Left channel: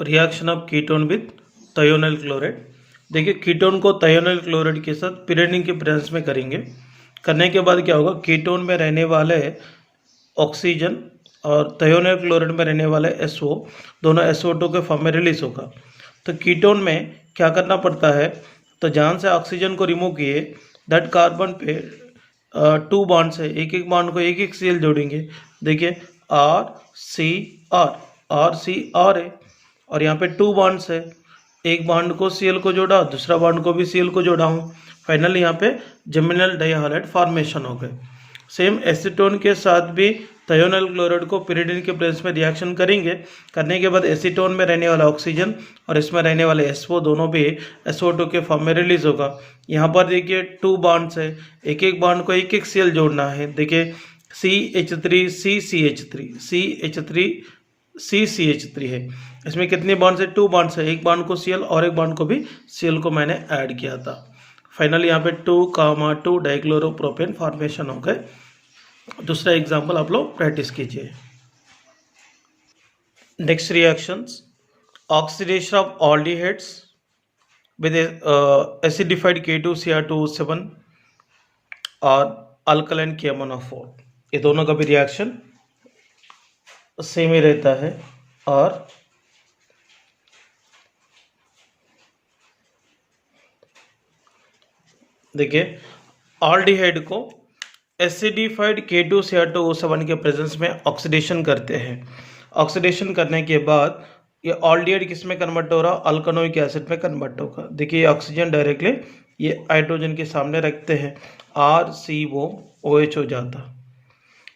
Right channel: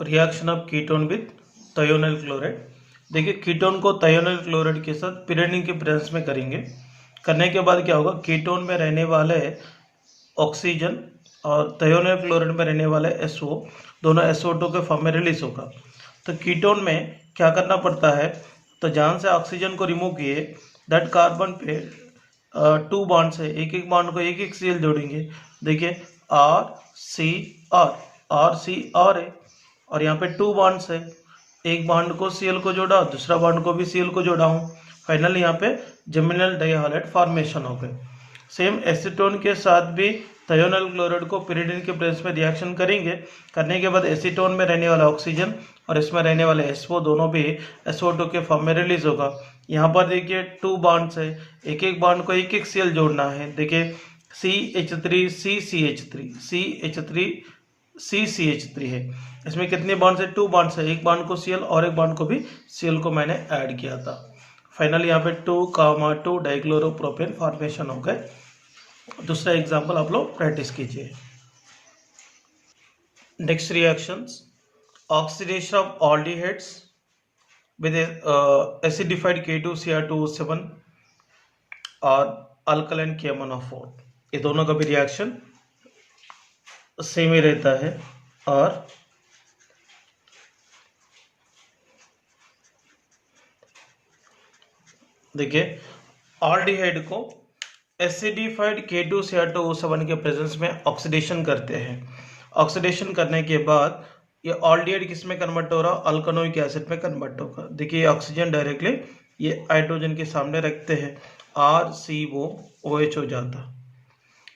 Reaction of ketone with thionyl chloride. देखिए ketone को thionyl chloride के साथ पिरेनिन के प्रेजेंस में करेंगे। करने के बाद क्या होगा, कीटोन में रहने वाले ऑक्सीजन और थायोनाइल क्लोराइड में रहने वाले SO दोनों SO2 के फॉर्म में रिलीज होगा। तो कीटोन में क्या करना पड़ता है, तो जहाँ से ऑक्सीजन को रिमूव किए दैट कार्बन पे 2 बॉन्ड्स है, एक एक बॉन्ड को एक एक CL जोड़ेंगे। देखिए RCR है और यहाँ पे 2 बॉन्ड्स है, एक बॉन्ड को CL को जोड़ा, दूसरा बॉन्ड को भी CL को जोड़ा हूँ। फाइनली यहाँ पे जिमिनल डाइहाइलाइड फॉर्मेशन हो गए। सेम एसीटोन के साथ भी थायोनाइल क्लोराइड को पिरिडिन के प्रेजेंस में रिएक्शन करेंगे। करने के बाद एसीटोन में रहने वाला ऑक्सीजन और इसमें रहने वाले SO दोनों भी SO2 के फॉर्म में रिलीज होगा। यहाँ पर देखिए 2 बॉन्ड्स है, एक एक बॉन्ड को एक एक CL जोड़ना है। देखिए CH3 है, इसमें कितने बॉन्ड्स है, 2 बॉन्ड्स है, एक बॉन्ड को CL और एक बॉन्ड को भी CL को मैंने ऐड किया था। फाइनली यहाँ पे 2,2 डाइक्लोरोप्रोपेन फॉर्मेशन हो गए। दूसरा एग्जांपल आप लोग प्रैक्टिस कीजिए। Next reactions, oxidation of aldehydes with acidified K2Cr2O7 और अल्कलाइन KMnO4। ये दोनों का भी रिएक्शन सेम ही रहता है। और देखिए ऑल्डिहाइड को एसिडिफाइड K2Cr2O7 के प्रेजेंस में ऑक्सीडेशन करते हैं। ऑक्सीडेशन करने के बाद ये ऑल्डिहाइड किस में कन्वर्ट हो रहा, अल्कनोइक एसिड में कन्वर्ट होगा। देखिए ये ऑक्सीजन डायरेक्टली ये हाइड्रोजन के सामने रखते हैं, RCOOH हो जाता।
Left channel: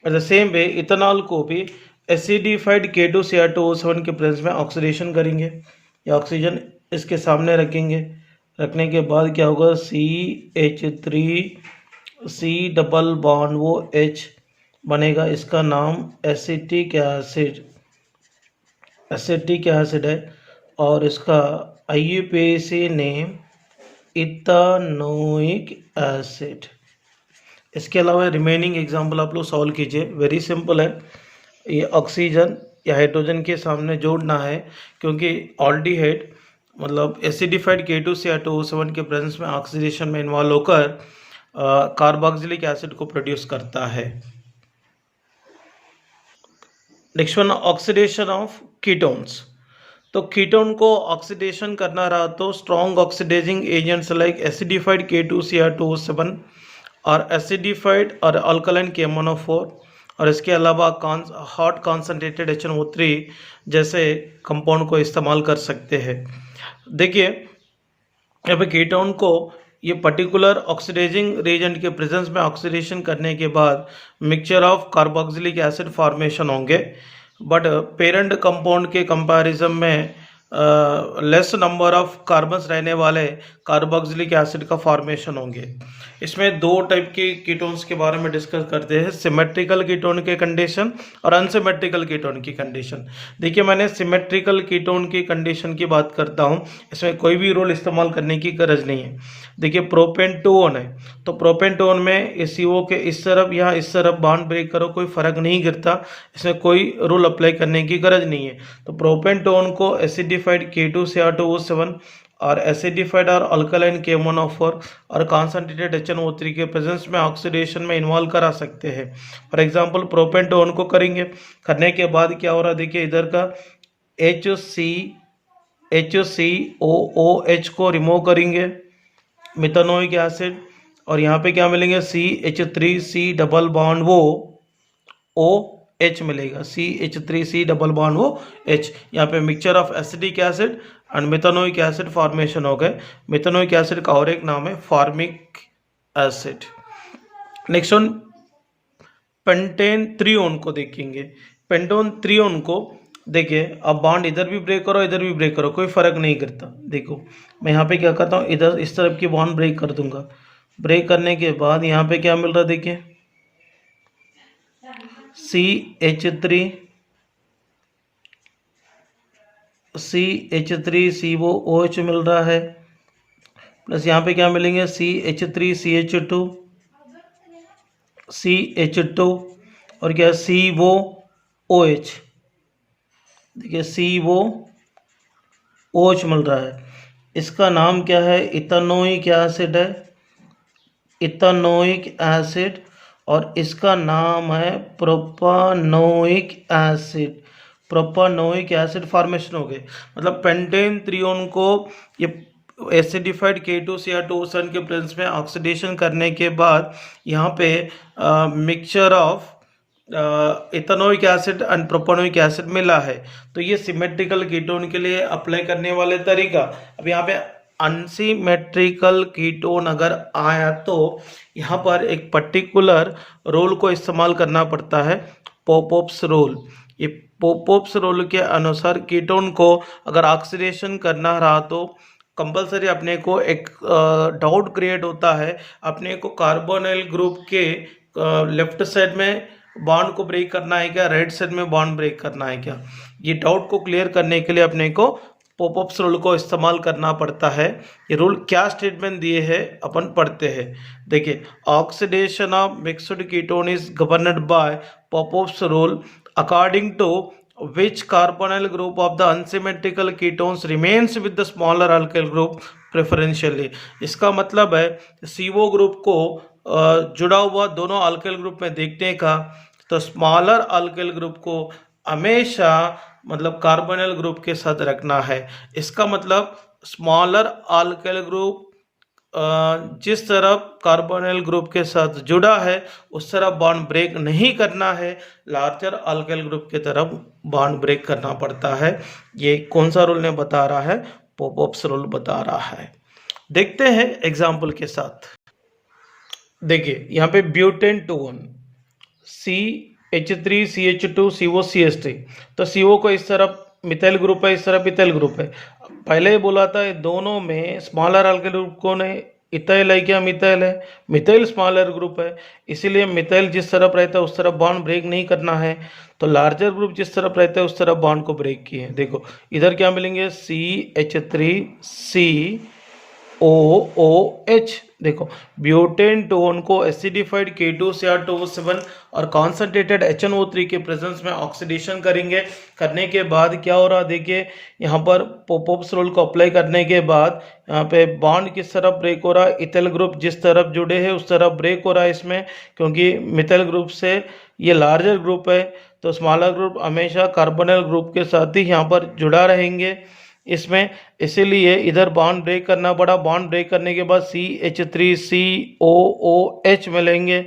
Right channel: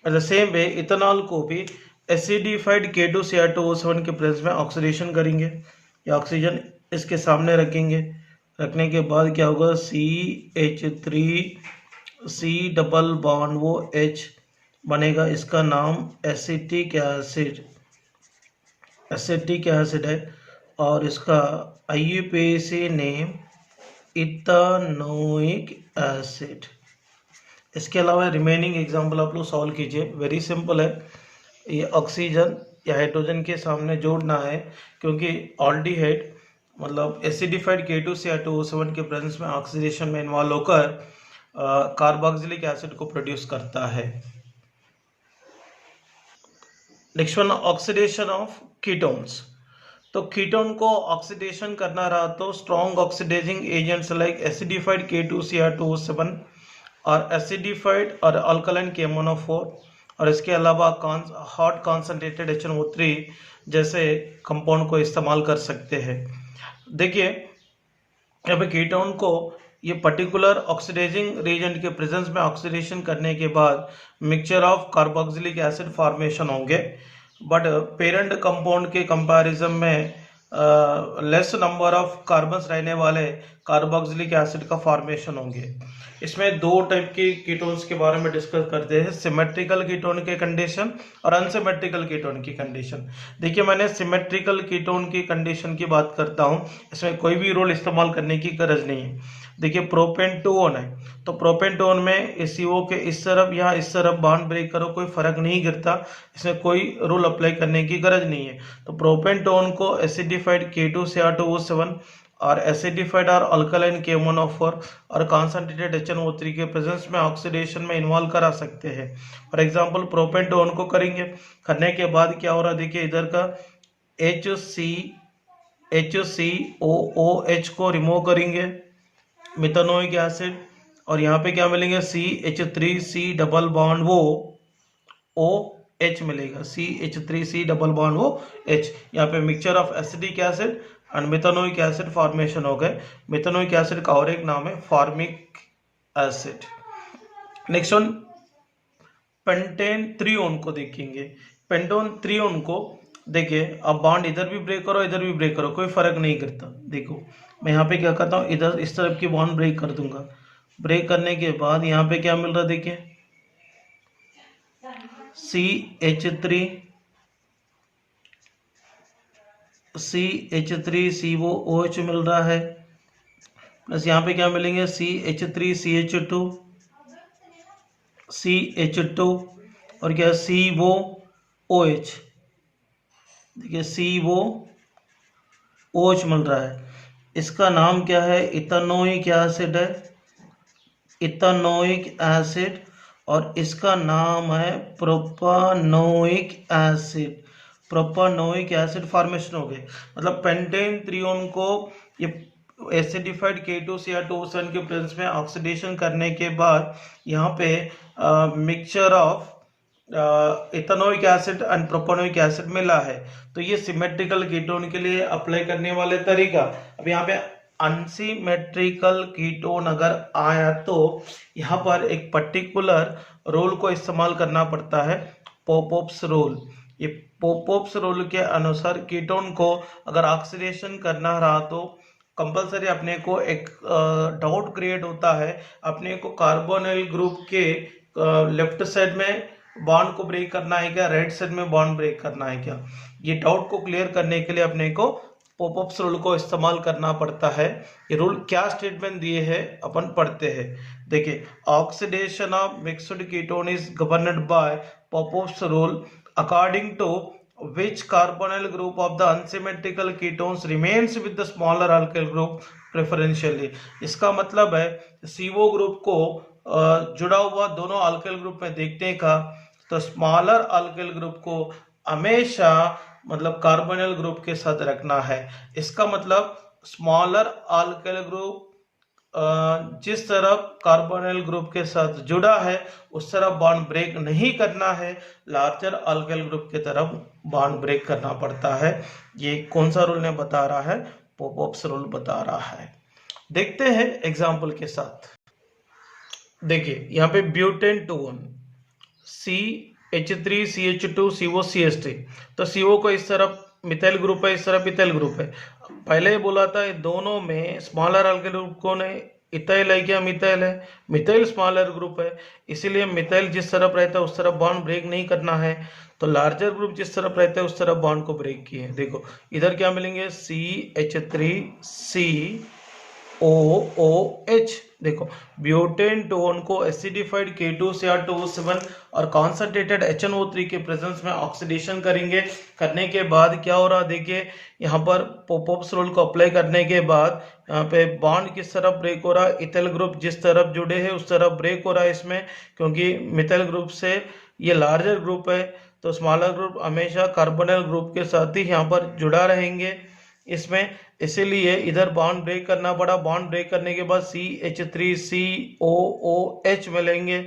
और द सेम वे इथेनॉल को भी एसिडिफाइड K2Cr2O7 के प्रेजेंस में ऑक्सीडेशन करेंगे। ये ऑक्सीजन इसके सामने रखेंगे, रखने के बाद क्या होगा, CH3C डबल बॉन्ड वो H बनेगा, इसका नाम एसिटिक एसिड है और इसका IUPAC नेम इथानोइक एसिड। इसके अलावा रिमेनिंग एग्जांपल आप लोग सॉल्व कीजिए, वेरी सिंपल है। ये ऑक्सीजन या हाइड्रोजन के सामने जोड़ना है क्योंकि ऑल्डिहाइड मतलब एसिडिफाइड K2Cr2O7 के प्रेजेंस में ऑक्सीडेशन में इन्वॉल्व होकर कार्बोक्सिलिक एसिड को प्रोड्यूस करता है। Next one, oxidation of ketones. तो कीटोन को ऑक्सीडेशन करना रहा तो strong oxidising agents like acidified K2Cr2O7 और एसिडिफाइड और अल्कलाइन KMnO4 और इसके अलावा हॉट कॉन्सेंट्रेटेड HNO3 जैसे कंपाउंड को इस्तेमाल कर सकते हैं। देखिए यहाँ पे कीटोन को ये पर्टिकुलर ऑक्सीडाइजिंग रिएजेंट के प्रेजेंस में ऑक्सीडेशन करने के बाद mixture of carboxylic acid formation होंगे, बट पेरेंट कंपाउंड के कंपैरिजन में लेस नंबर ऑफ कार्बन्स रहने वाले कार्बोक्सिलिक एसिड का फॉर्मेशन होंगे। इसमें 2 टाइप के कीटोन्स के बारे में डिस्कस करते हैं, सिमेट्रिकल कीटोन के कंडीशन और अनसिमेट्रिकल कीटोन की कंडीशन। देखिए मैंने सिमेट्रिकल कीटोन की कंडीशन की बात करता हूँ, इसमें कोई भी रोल इस्तेमाल करने की गरज नहीं है। देखिए प्रोपेन टू ओन है, तो प्रोपेन टू ओन में CO के इस तरफ या इस तरफ बॉन्ड ब्रेक करो कोई फर्क नहीं गिरता, इसमें कोई रूल अप्लाई करने की गरज नहीं है। तो प्रोपेन टू ओन को एसिडिफाइड K2Cr2O7 और एसिडिफाइड और अल्कलाइन KMnO4 और कॉन्सेंट्रेटेड HNO3 के प्रेजेंस में ऑक्सीडेशन में इन्वॉल्व करा सकते हैं। For example propane two own को करेंगे, करने के बाद क्या हो रहा है, देखिए इधर का HCOOH को रिमूव करेंगे, मिथानोइक एसिड, और यहाँ पे क्या मिलेंगे, CH3C डबल बॉन्ड वो OH मिलेगा, CH3C डबल बॉन्ड वो H। यहाँ पे mixture of acidic acid and methanoic acid formation हो गए। मिथानोइक एसिड का और एक नाम है formic acid. Next one, pentan three one को देखेंगे। पेंटोन थ्रीओन को देखिए, अब बॉन्ड इधर भी ब्रेक करो इधर भी ब्रेक करो कोई फर्क नहीं करता। देखो मैं यहाँ पे क्या करता हूँ, इधर इस तरफ की बॉन्ड ब्रेक कर दूंगा, ब्रेक करने के बाद यहाँ पे क्या मिल रहा है, देखिए CH3COOH मिल रहा है, प्लस यहाँ पे क्या मिलेंगे, CH2 और क्या COOH। देखिए COOH OH मिल रहा है, इसका नाम क्या है? इथेनोइक एसिड है, इथेनोइक एसिड, और इसका नाम है propanoic acid. Propanoic acid formation हो गए, मतलब पेंटेन त्रियोन को ये एसिडिफाइड K2Cr2O7 के प्रेजेंस में ऑक्सीडेशन करने के बाद यहाँ पे mixture of ethanoic acid and propanoic acid मिला है। तो ये सिमेट्रिकल कीटोन के लिए अप्लाई करने वाले तरीका। अब यहाँ पे अनसिमेट्रिकल कीटोन अगर आया तो यहाँ पर एक पर्टिकुलर रोल को इस्तेमाल करना पड़ता है, पोपोप्स रोल। ये पोपोप्स रोल के अनुसार कीटोन को अगर ऑक्सीडेशन करना रहा तो कंपलसरी अपने को एक डाउट क्रिएट होता है, अपने को कार्बोनिल ग्रुप के लेफ्ट साइड में बॉन्ड को ब्रेक करना है क्या, राइट साइड में बॉन्ड ब्रेक करना है क्या। ये डाउट को क्लियर करने के लिए अपने को पॉपअप्स रूल को इस्तेमाल करना पड़ता है। ये रूल क्या स्टेटमेंट दिए हैं अपन पढ़ते हैं। देखिए, oxidation of mixed ketone is governed by Popoff's rule according to which carbonyl group of the unsymmetrical ketones remains with the smaller alkyl group preferentially। इसका मतलब है CO ग्रुप को जुड़ा हुआ दोनों अल्काइल ग्रुप में देखने का, तो स्मॉलर अल्काइल ग्रुप को हमेशा मतलब कार्बोनिल ग्रुप के साथ रखना है। इसका मतलब स्मॉलर अल्काइल ग्रुप जिस तरफ कार्बोनिल ग्रुप के साथ जुड़ा है उस तरफ बॉन्ड ब्रेक नहीं करना है, लार्जर अल्काइल ग्रुप की तरफ बॉन्ड ब्रेक करना पड़ता है। ये कौन सा रूल ने बता रहा है? पॉपअप्स रूल बता रहा है। देखते हैं एग्जांपल के साथ। देखिए यहाँ पे ब्यूटेन 2 CH3CH2COCH3, तो CO को इस तरफ मिथाइल ग्रुप है, इस तरफ इथाइल ग्रुप है। पहले ही बोला था दोनों में स्मॉलर अल्काइल ग्रुप को ने इथाइल है क्या मिथाइल है, मिथाइल स्मॉलर ग्रुप है, इसीलिए मिथाइल जिस तरफ रहता है उस तरफ बॉन्ड ब्रेक नहीं करना है। तो लार्जर ग्रुप जिस तरफ रहता है उस तरफ बॉन्ड को ब्रेक किए। देखो इधर क्या मिलेंगे, CH3COOH। देखो ब्यूटेन टोन को एसिडिफाइड K2Cr2O7 और कॉन्सेंट्रेटेड HNO3 के प्रेजेंस में ऑक्सीडेशन करेंगे। करने के बाद क्या हो रहा, देखिए यहाँ पर पॉपअप्स रूल को अप्लाई करने के बाद यहाँ पे बॉन्ड किस तरफ ब्रेक हो रहा है, इथाइल ग्रुप जिस तरफ जुड़े हैं उस तरफ ब्रेक हो रहा है इसमें, क्योंकि मिथाइल ग्रुप से ये लार्जर ग्रुप है तो स्मॉलर ग्रुप हमेशा कार्बोनिल ग्रुप के साथ ही यहाँ पर जुड़ा रहेंगे इसमें, इसीलिए इधर बॉन्ड ब्रेक करना पड़ा। बॉन्ड ब्रेक करने के बाद CH3COOH मिलेंगे,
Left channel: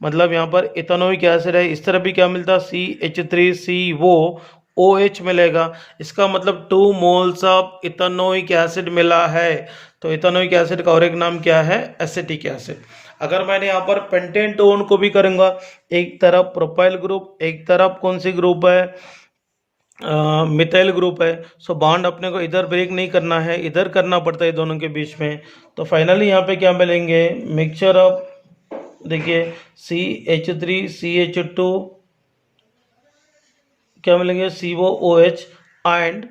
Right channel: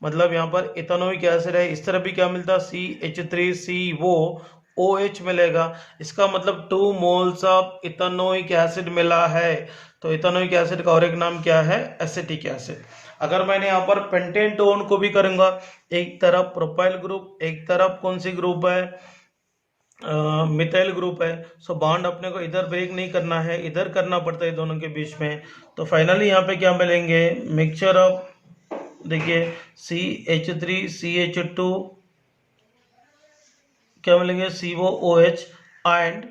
मतलब यहाँ पर इथेनोइक एसिड है, इस तरफ भी क्या मिलता, CH3COOH मिलेगा। इसका मतलब 2 मोल्स ऑफ इथेनोइक एसिड मिला है। तो इथेनोइक एसिड का और एक नाम क्या है, एसिटिक एसिड। अगर मैंने यहाँ पर पेंटेन टोन को भी करूँगा, एक तरफ प्रोपाइल ग्रुप, एक तरफ कौन सी ग्रुप है, मिथाइल ग्रुप है। सो बॉन्ड अपने को इधर ब्रेक नहीं करना है, इधर करना पड़ता है दोनों के बीच में। तो फाइनली यहाँ पे क्या मिलेंगे, मिक्सचर ऑफ, देखिए CH3CH2 क्या मिलेंगे, COOH एंड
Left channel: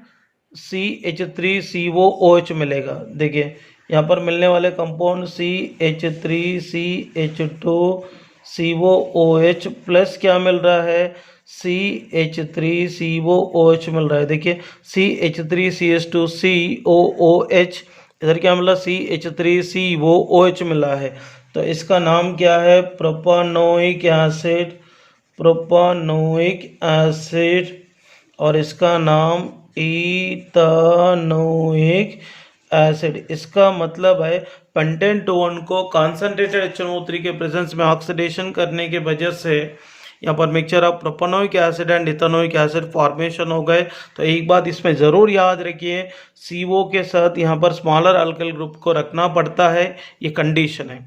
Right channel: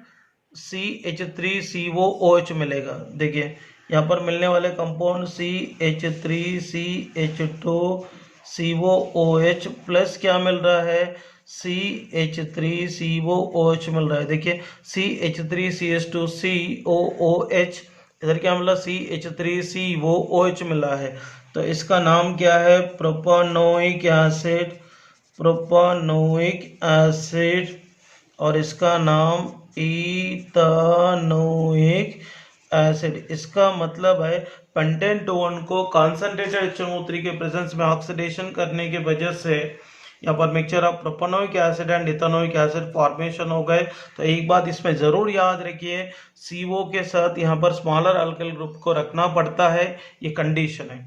CH3COOH मिलेगा। देखिए यहाँ पर मिलने वाले कंपाउंड CH3CH2COOH प्लस क्या मिल रहा है, CH3COOH मिल रहा है। देखिए CH3CH2COOH, इधर क्या मिला, CH3COOH मिला है। तो इसका नाम क्या है, प्रोपानोइक एसिड, प्रोपानोइक एसिड, और इसका नाम इथेनोइक एसिड। इसका मतलब है पेंटेन टोन को कॉन्सेंट्रेटेड HNO3 के प्रेजेंस में ऑक्सीडेशन करने की वजह से यहाँ पर mixture of propanoic acid and ethanoic acid formation हो गए। तो एक बात इसमें ज़रूर याद रखिए, CO के साथ यहाँ पर स्मॉलर अल्काइल ग्रुप को रखना पड़ता है, ये कंडीशन है।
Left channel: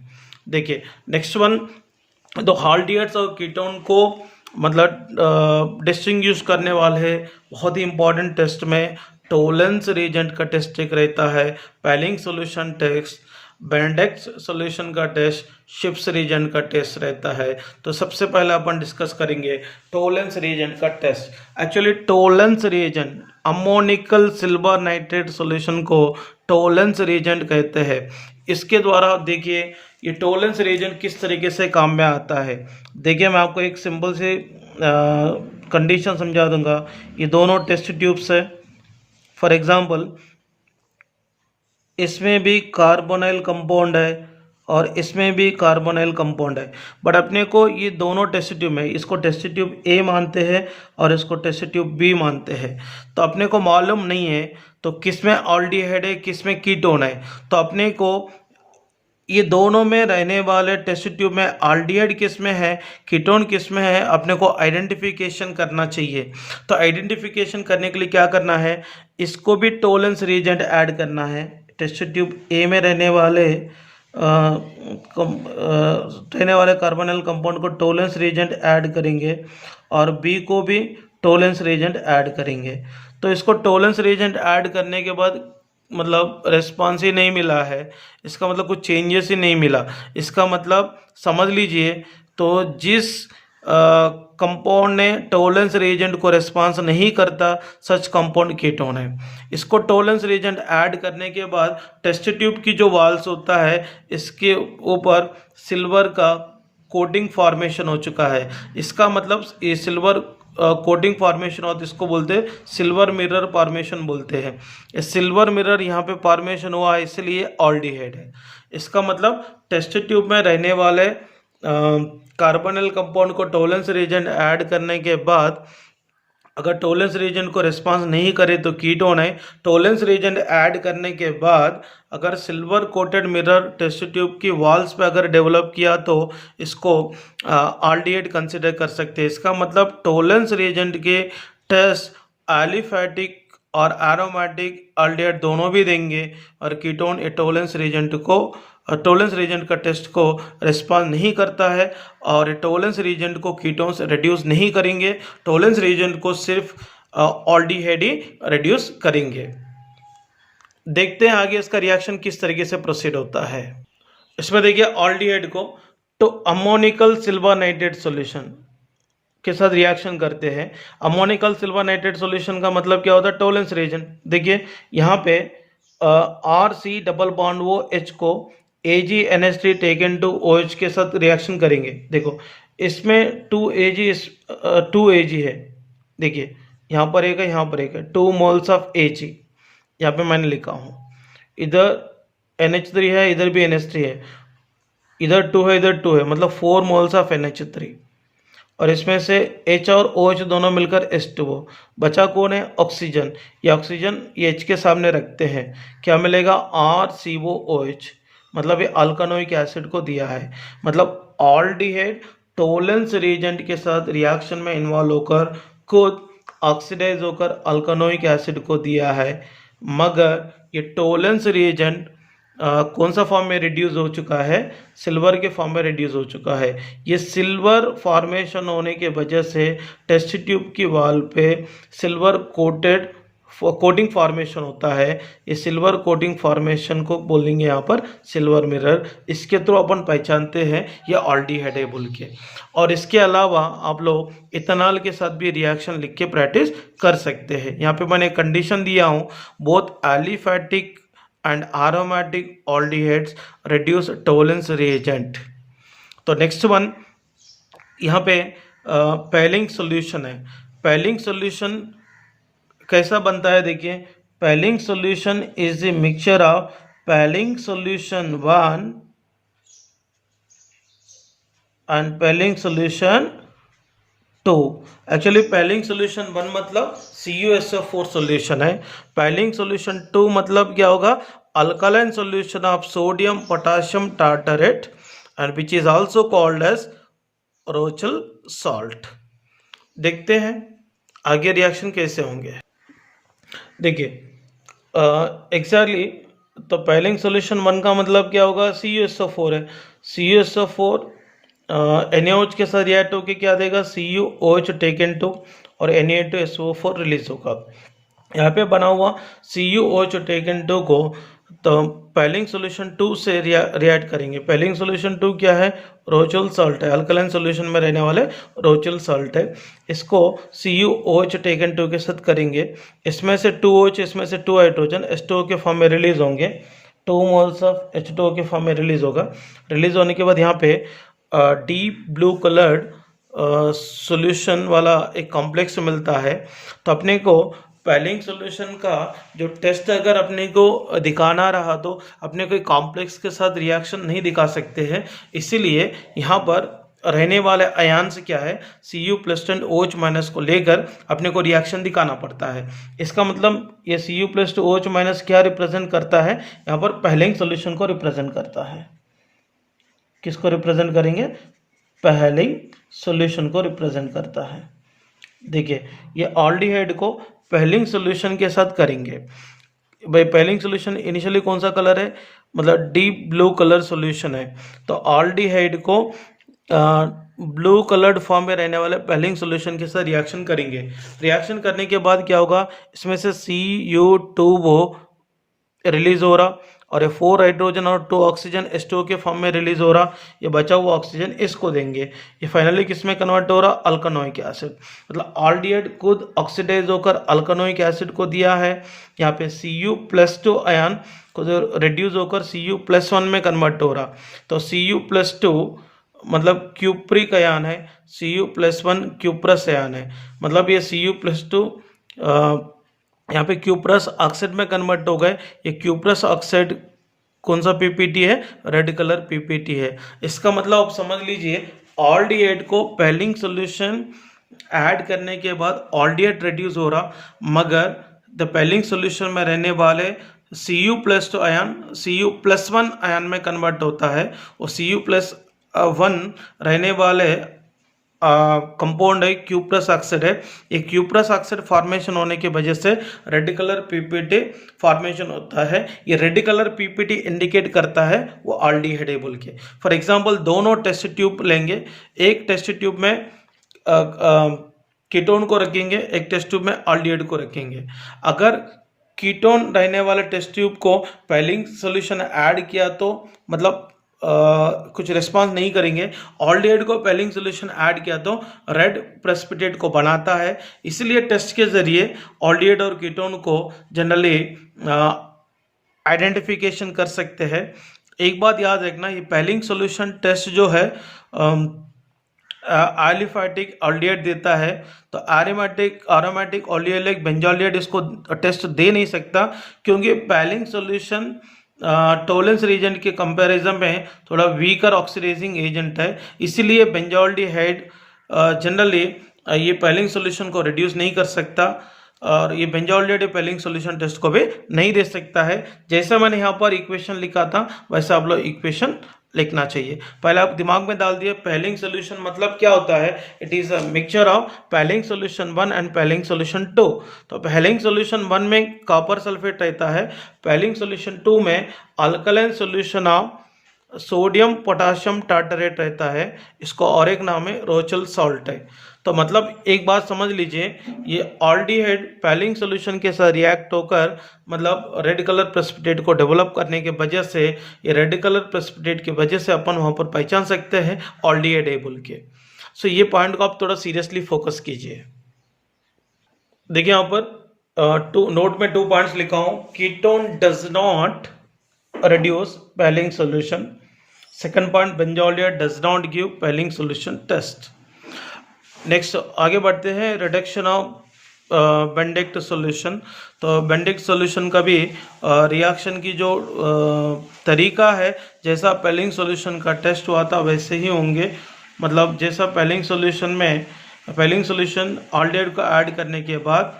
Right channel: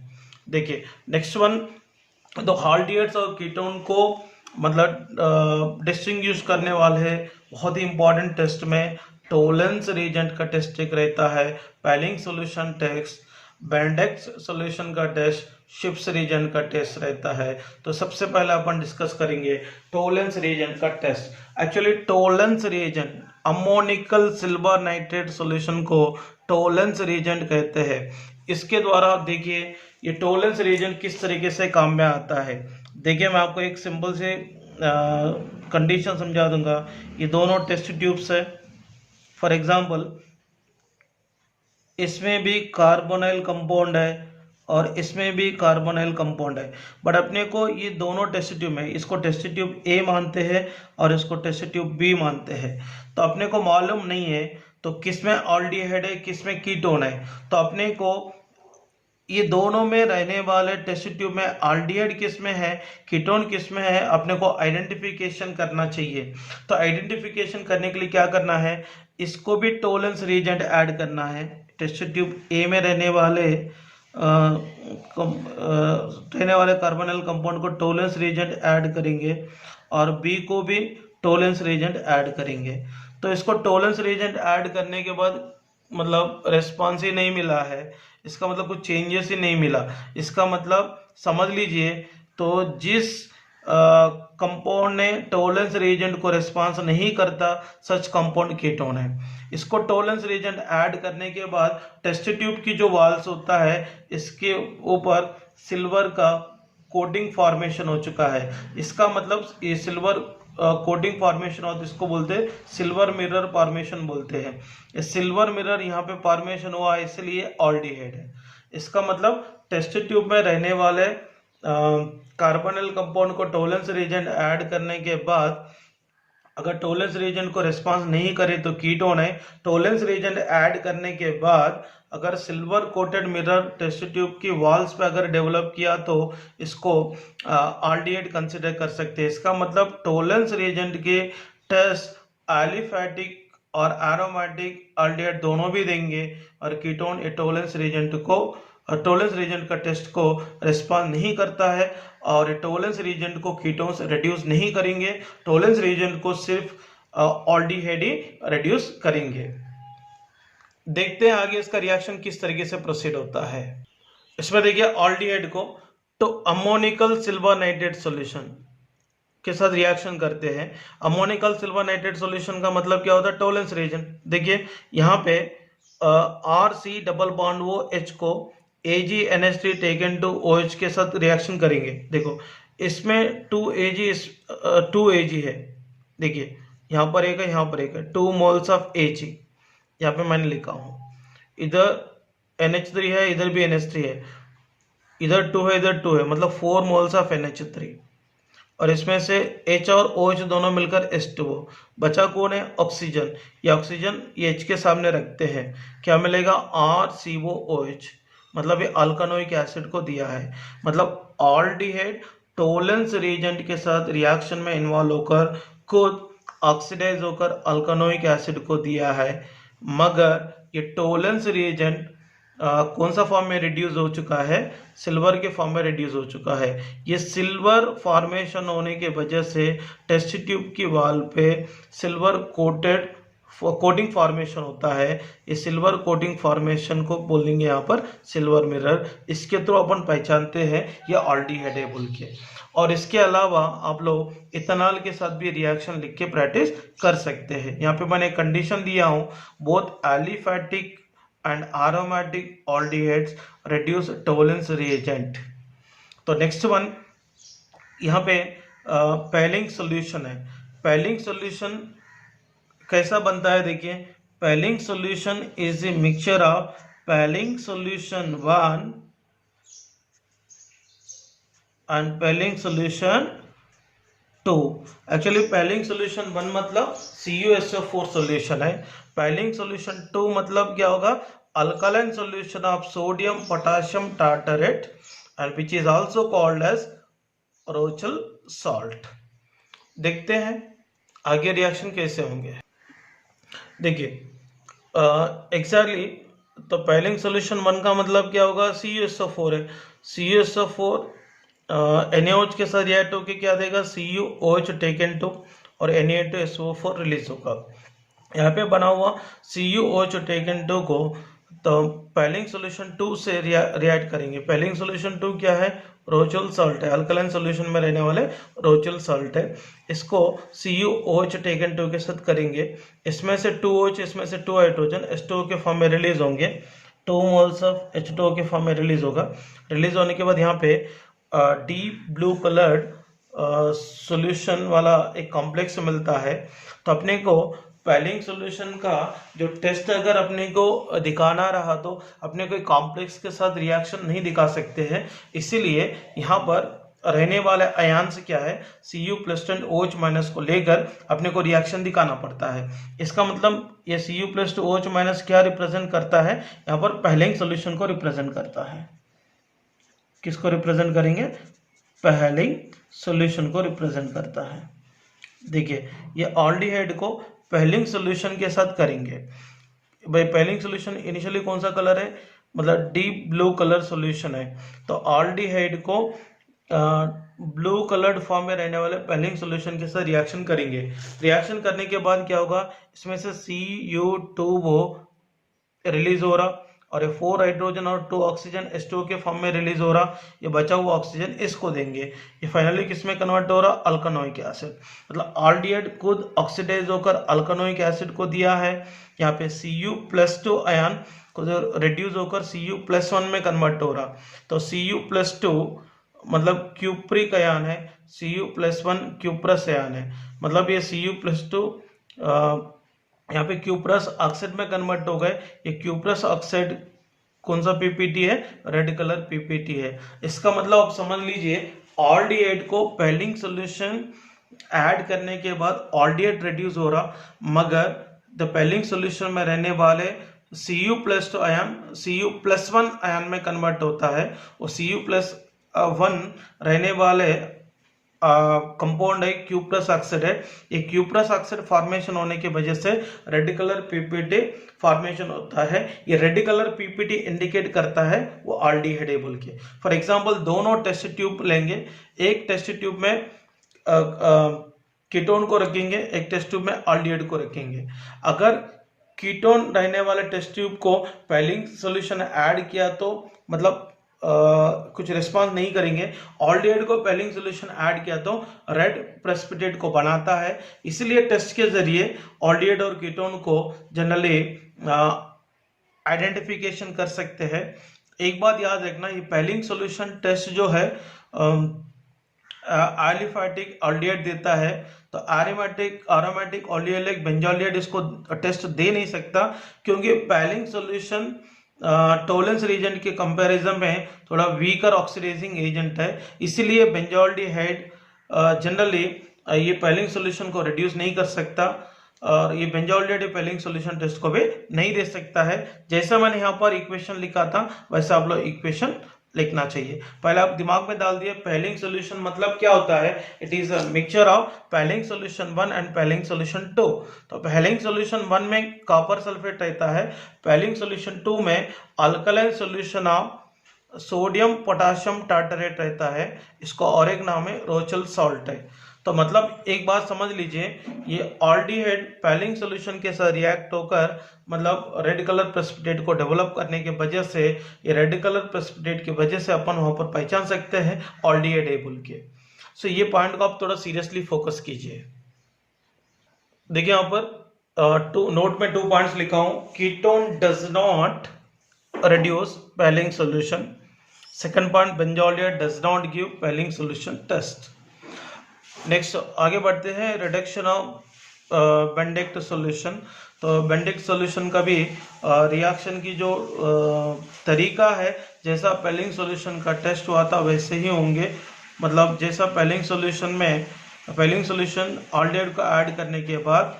देखिए नेक्स्ट वन, तो हाल्डियर्स और कीटोन को मतलब डिस्टिंग्विश करने वाले हैं बहुत ही इंपॉर्टेंट टेस्ट में। टोलेंस रिएजेंट का टेस्ट एक रहता है, Fehling solution test, Benedict solution का टेस्ट, शिप्स रिएजेंट का टेस्ट रहता है। तो सबसे पहले अपन डिस्कस करेंगे टोलेंस रिएजेंट का test. Actually Tollens reagent ammoniacal silver nitrate solution को टोलेंस रिएजेंट कहते हैं। इसके द्वारा देखिए ये टोलेंस रिएजेंट किस तरीके से काम में आता है। देखिए मैं आपको एक सिंपल से कंडीशन समझा दूंगा। ये दोनों टेस्ट ट्यूब्स है। फॉर एग्जांपल इसमें भी कार्बोनाइल कंपाउंड है और इसमें भी कार्बोनाइल कंपाउंड है, बट अपने को ये दोनों टेस्ट ट्यूब में इसको टेस्ट ट्यूब ए मानते हैं और इसको टेस्ट ट्यूब बी मानते हैं। तो अपने को मालूम नहीं है तो किसमें ऑल्डिहाइड है किसमें कीटोन है। तो अपने को ये दोनों में रहने वाले टेस्ट ट्यूब में ऑल्डिहाइड किस में है कीटोन किस में है अपने को आइडेंटिफिकेशन करना चाहिए। तो आइडेंटिफिकेशन करने के लिए क्या करना है, इसको भी टोलेंस रिएजेंट ऐड करना है। टेस्ट ट्यूब ए में रहने वाले कार्बोनिल कंपाउंड को टोलेंस रिएजेंट ऐड करेंगे और बी को भी टोलेंस रिएजेंट ऐड करेंगे। तो इसको टोलेंस रिएजेंट ऐड करने के बाद मतलब रेस्पॉन्स ही नहीं मिला है, इसका मतलब कुछ चेंजेस ही नहीं मिला, इसका मतलब समझ लीजिए तो जिस कंपाउंड ने टोलेंस रिएजेंट को रेस्पॉन्स नहीं करता सच कंपाउंड कीटोन है। इसको टोलेंस रिएजेंट ऐड करने के बाद टेस्ट ट्यूब की जो वॉल्स होता है इसके ऊपर सिल्वर का कोटिंग फॉर्मेशन हो चुका है। इसका मतलब ये सिल्वर कोटिंग फॉर्मेशन और इसको बोलते हैं सिल्वर मिरर फॉर्मेशन बोलते हैं। ये सिल्वर मिरर यहाँ पे फॉर्मेशन हुआ है इसलिए ऑल्डिहाइड है। इसका मतलब टेस्ट ट्यूब में रहने वाले कार्बोनिल कंपाउंड को टोलेंस रिएजेंट ऐड करने के बाद अगर टोलेंस रिएजेंट को रिस्पांस नहीं करे तो कीटोन है। टोलेंस रिएजेंट ऐड करने के बाद अगर silver coated mirror test tube की वॉल्स पे अगर डेवलप किया तो इसको ऑल्डिहाइड कंसिडर कर सकते हैं। इसका मतलब टोलेंस रिएजेंट के टेस्ट एलिफैटिक और एरोमेटिक ऑल्डिहाइड दोनों भी देंगे और कीटोन टोलेंस रिएजेंट को टोलेंस रिएजेंट का टेस्ट को रिस्पॉन्स नहीं करता है और टोलेंस रिएजेंट को कीटोन्स रिड्यूस नहीं करेंगे, टोलेंस रिएजेंट को सिर्फ ऑल्डिहाइड ही रिड्यूस करेंगे। देखते हैं आगे इसका रिएक्शन किस तरीके से प्रोसीड होता है। इसमें देखिए ऑल्डिहाइड को तो अमोनिकल सिल्वर नाइट्रेट सॉल्यूशन के साथ रिएक्शन करते हैं। अमोनिकल सिल्वर नाइट्रेट सॉल्यूशन का मतलब क्या होता है, टोलेंस रिएजेंट। देखिए यहाँ पे आर सी डबल बॉन्ड वो एच को AgNH3 टेकन टू OH के साथ रिएक्शन करेंगे। देखो इसमें 2Ag है, देखिए यहाँ पर एक है यहाँ पर एक है, 2 मोल्स ऑफ Ag यहाँ पे मैंने लिखा हूँ। इधर NH3 है इधर भी NH3 है, इधर 2 है इधर 2 है, मतलब 4 मोल्स ऑफ NH3 और इसमें से H और OH दोनों मिलकर H2O। बचा कौन है, ऑक्सीजन। ये ऑक्सीजन ये H के सामने रखते हैं, क्या मिलेगा RCOOH, मतलब ये अल्कानोइक एसिड को दिया है। मतलब ऑल्डिहाइड टोलेंस रिएजेंट के साथ रिएक्शन में इन्वॉल्व होकर खुद ऑक्सीडाइज होकर अल्कानोइक एसिड को दिया है, मगर ये टोलेंस रिएजेंट कौन सा फॉर्म में रिड्यूस हो चुका है, सिल्वर के फॉर्म में रिड्यूस हो चुका है। ये सिल्वर फॉर्मेशन होने के वजह से टेस्ट ट्यूब की वॉल पे सिल्वर कोटिंग फॉर्मेशन होता है। ये सिल्वर कोटिंग फॉर्मेशन को बोलेंगे यहाँ पर सिल्वर मिरर। इसके थ्रू अपन पहचानते हैं ये ऑल्डिहाइड है बोल के। और इसके अलावा आप लोग इथेनॉल के साथ भी रिएक्शन लिख के प्रैक्टिस कर सकते हैं। यहाँ पे मैंने कंडीशन दिया हूँ, both aliphatic and aromatic aldehydes reduce tolerance reagent। तो नेक्स्ट वन यहाँ पे पेलिंग सॉल्यूशन है। पेलिंग सॉल्यूशन कैसा बनता है, देखिए Fehling solution is a mixture of Fehling solution 1 and Fehling solution 2। Actually Fehling solution 1 मतलब CuSO4 सॉल्यूशन है। पेलिंग सॉल्यूशन 2 मतलब क्या होगा, alkaline solution of sodium potassium tartrate and which is also called as Rochelle salt. देखते हैं आगे reaction कैसे होंगे। देखिए एग्जैक्टली तो पेलिंग सॉल्यूशन 1 का मतलब क्या होगा, CuSO4 है। CuSO4 NaOH के साथ रिएक्ट होकर क्या देगा, CuOH टेकन टू और Na2SO4 रिलीज होगा। यहाँ पे बना हुआ CuOH टेकन टू को तो पेलिंग सॉल्यूशन 2 से रिएक्ट करेंगे। पेलिंग सॉल्यूशन 2 क्या है, रोचेल सॉल्ट है, अल्कलाइन सॉल्यूशन में रहने वाले रोचेल सॉल्ट है। इसको CuOH टेकन 2 के साथ करेंगे। इसमें से 2OH इसमें से 2 हाइड्रोजन H2O के फॉर्म में रिलीज होंगे, 2 मोल्स ऑफ H2O के फॉर्म में रिलीज होगा। रिलीज होने के बाद यहाँ पे डीप ब्लू कलर्ड सॉल्यूशन वाला एक कॉम्प्लेक्स मिलता है। तो अपने को पैलिंग सॉल्यूशन का जो टेस्ट अगर अपने को दिखाना रहा तो अपने कोई कॉम्प्लेक्स के साथ रिएक्शन नहीं दिखा सकते हैं, इसीलिए यहाँ पर रहने वाले आयन से क्या है Cu plus two OH minus को लेकर अपने को रिएक्शन दिखाना पड़ता है। इसका मतलब ये Cu plus two OH minus क्या रिप्रेजेंट करता है, यहाँ पर पैलिंग सॉल्यूशन को रिप्रेजेंट करता है। किसको रिप्रेजेंट करेंगे, पैलिंग सॉल्यूशन को रिप्रेजेंट करता है। देखिए ये ऑल्डिहाइड को पैलिंग सॉल्यूशन के साथ करेंगे। भाई पैलिंग सॉल्यूशन इनिशियली कौन सा कलर है, मतलब डीप ब्लू कलर सॉल्यूशन है, तो ऑल्डिहाइड को ब्लू कलर्ड फॉर्म में रहने वाले पैलिंग सॉल्यूशन के साथ रिएक्शन करेंगे। रिएक्शन करने के बाद क्या होगा, इसमें से Cu2 वो रिलीज हो रहा और ये 4 हाइड्रोजन और 2 ऑक्सीजन H2O के फॉर्म में रिलीज हो रहा, ये बचा हुआ ऑक्सीजन इसको देंगे, ये फाइनली किस में कन्वर्ट हो रहा, अल्कानोइक एसिड। मतलब ऑल्डिहाइड खुद ऑक्सीडाइज होकर अल्कानोइक एसिड को दिया है, यहाँ पे Cu+2 आयन को रिड्यूस होकर Cu+1 में कन्वर्ट हो रहा, तो Cu+2 मतलब क्यूप्रिक आयन है, Cu+1 क्यूप्रस आयन है, मतलब ये Cu+2 यहाँ पे क्यूप्रस ऑक्साइड में कन्वर्ट हो गए। ये क्यूप्रस ऑक्साइड कौन सा पीपीटी है, रेड कलर पीपीटी है। इसका मतलब आप समझ लीजिए ऑल्डिहाइड को पैलिंग सॉल्यूशन ऐड करने के बाद ऑल्डिहाइड रिड्यूस हो रहा, मगर द पैलिंग सॉल्यूशन में रहने वाले Cu+2 आयन Cu+1 आयन में कन्वर्ट होता है, और Cu+1 रहने वाले कंपाउंड है क्यूप्रस ऑक्साइड है। ये क्यूप्रस ऑक्साइड फॉर्मेशन होने की वजह से रेड कलर पीपीटी फॉर्मेशन होता है। ये रेड कलर पीपीटी इंडिकेट करता है वो ऑल्डिहाइड है बोल के। फॉर एग्जांपल दोनों टेस्ट ट्यूब लेंगे, एक टेस्ट ट्यूब में कीटोन को रखेंगे, एक टेस्ट ट्यूब में ऑल्डिहाइड को रखेंगे। अगर कीटोन रहने वाले टेस्ट ट्यूब को पैलिंग सॉल्यूशन ऐड किया तो मतलब कुछ रिस्पांस नहीं करेंगे, ऑल्डिहाइड को पैलिंग सॉल्यूशन ऐड किया तो रेड प्रेसिपिटेट को बनाता है। इसलिए टेस्ट के जरिए ऑल्डिहाइड और कीटोन को जनरली आइडेंटिफिकेशन कर सकते हैं। एक बात याद रखना, ये पैलिंग सॉल्यूशन टेस्ट जो है एलिफैटिक ऑल्डिहाइड देता है, तो एरोमेटिक ऑल्डिहाइड बेंजोल्डिहाइड इसको टेस्ट दे नहीं सकता, क्योंकि पैलिंग सॉल्यूशन टोलेंस रीजन के कंपैरिजन में थोड़ा वीकर ऑक्सीडाइजिंग एजेंट है, इसीलिए बेंजोल्डिहाइड जनरली ये पैलिंग सॉल्यूशन को रिड्यूस नहीं कर सकता, और ये बेंजोल्डिहाइड पैलिंग सॉल्यूशन टेस्ट को भी नहीं दे सकता है। जैसे मैंने यहाँ पर इक्वेशन लिखा था वैसे आप लोग इक्वेशन लिखना चाहिए। पहले आप दिमाग में डाल दिए पैलिंग सॉल्यूशन मतलब क्या होता है, it is a mixture of Fehling solution 1 and Fehling solution 2। तो पैलिंग सॉल्यूशन 1 में कॉपर सल्फेट रहता है, पैलिंग सॉल्यूशन 2 में alkaline solution of sodium potassium tartrate रहता है, इसको और एक नाम है रोचेल सॉल्ट है। तो मतलब एक बात समझ लीजिए, ये ऑल्डिहाइड पैलिंग सॉल्यूशन के साथ रिएक्ट होकर मतलब रेड कलर प्रेसिपिटेट को डेवलप करने की वजह से, ये रेड कलर प्रेसिपिटेट की वजह से अपन वहाँ पर पहचान सकते हैं ऑल्डिहाइड है बोल के। सो ये पॉइंट को आप थोड़ा सीरियसली फोकस कीजिए। देखिए यहाँ पर नोट में 2 पॉइंट्स लिखा हूँ, ketone does not reduce Fehling solution. Second point, benzaldehyde does not give Fehling solution test. Next आगे बढ़ते हैं, रिडक्शन ऑफ बेंडिक्ट सॉल्यूशन। तो बेंडिक्ट सॉल्यूशन का भी रिएक्शन की जो तरीका है, जैसा पैलिंग सॉल्यूशन का टेस्ट हुआ था वैसे ही होंगे। मतलब जैसा पैलिंग सॉल्यूशन ऑल्डिहाइड को ऐड करने के बाद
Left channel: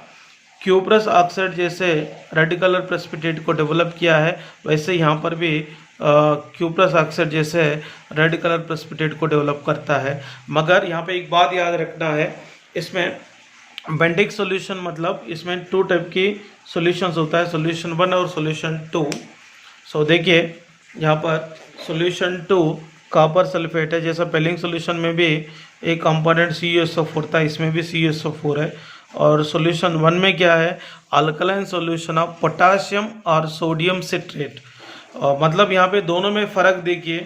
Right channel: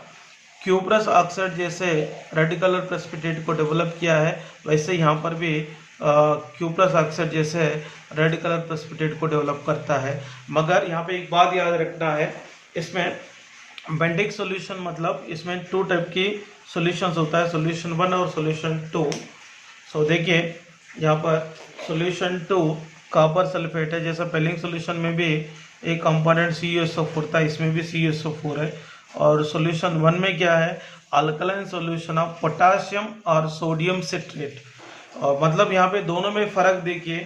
क्यूप्रस ऑक्साइड जैसे रेड कलर प्रेसिपिटेट को डेवलप किया है, वैसे यहाँ पर भी क्यूप्रस ऑक्साइड जैसे रेड कलर प्रेसिपिटेट को डेवलप करता है। मगर यहाँ पे एक बात याद रखना है, इसमें बेंडिक सॉल्यूशन मतलब इसमें 2 टाइप की सॉल्यूशंस होता है, सॉल्यूशन 1 और सॉल्यूशन 2। सो देखिए यहाँ पर सॉल्यूशन 2 कॉपर सल्फेट है, जैसा पैलिंग सॉल्यूशन में भी एक कंपोनेंट CuSO4 था, इसमें भी CuSO4 है। और सॉल्यूशन 1 में क्या है, अल्कलाइन सॉल्यूशन ऑफ पोटाशियम और सोडियम सिट्रेट। मतलब यहाँ पे दोनों में फ़र्क देखिए,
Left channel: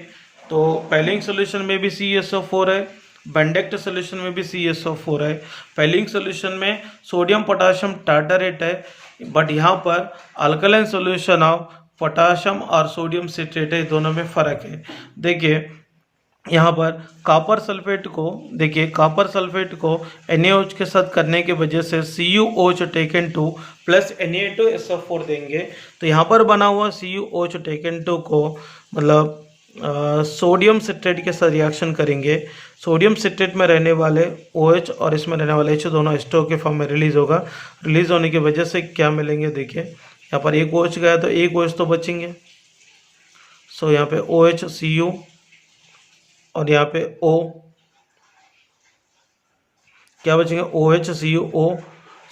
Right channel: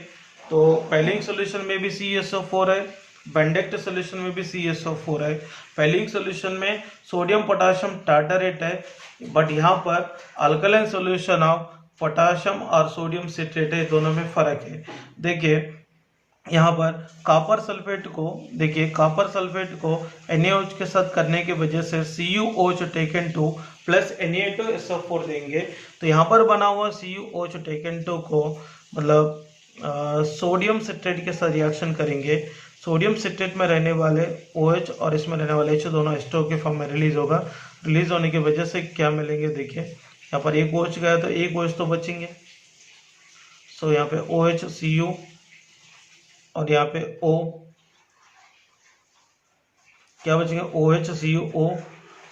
तो पैलिंग सॉल्यूशन में भी CuSO4 है, बेंडिक्ट सॉल्यूशन में भी CuSO4 है। पैलिंग सॉल्यूशन में सोडियम पोटाशियम टार्टरेट है, बट यहाँ पर अल्कलाइन सॉल्यूशन ऑफ पोटाशियम और सोडियम सिट्रेट है, दोनों में फ़र्क है। देखिए यहाँ पर कॉपर सल्फेट को देखिए, कॉपर सल्फेट को NaOH के साथ करने की वजह से CuOH टेकन 2 प्लस Na2SO4 देंगे। तो यहाँ पर बना हुआ CuOH टेकन 2 को मतलब सोडियम सिट्रेट के साथ रिएक्शन करेंगे। सोडियम सिट्रेट में रहने वाले OH और इसमें रहने वाले H दोनों H2O के फॉर्म में रिलीज होगा। रिलीज होने की वजह से क्या मिलेंगे, देखिए यहाँ पर एक OH गया तो एक OH तो बचेंगे। सो यहाँ पे OH Cu और यहाँ पे O क्या बचेंगे, OH CuO